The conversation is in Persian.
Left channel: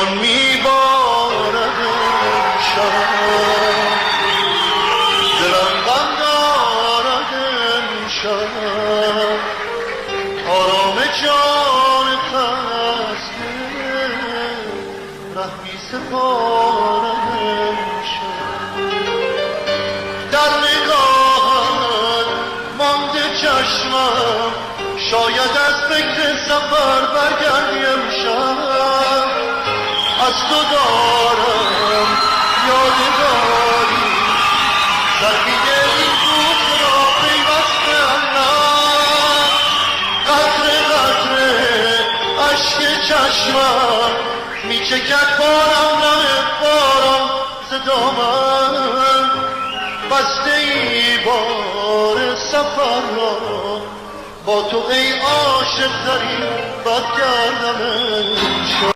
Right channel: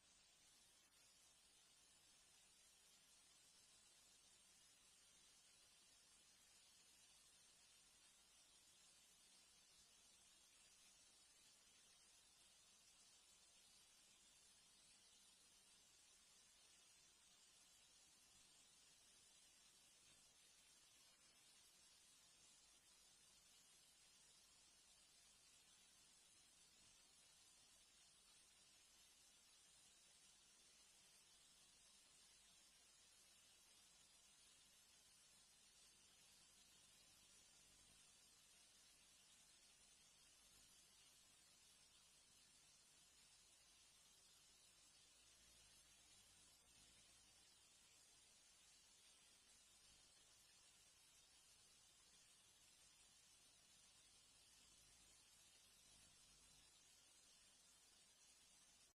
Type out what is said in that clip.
میبارد امشب دلم غم دارد امشب آرام جان خسته ره می سپارد امشب در نگاهت مانده چشمم شاید از فکر سفر برگردی امشب از تو دارم یادگاری زرگی این روز را پیوسته الله قطره قطره اشک چشمم میچکد بارم نه بارم ز دامن بسته ای بار سفر را با تو ای عاشق ترین بد کردم امشب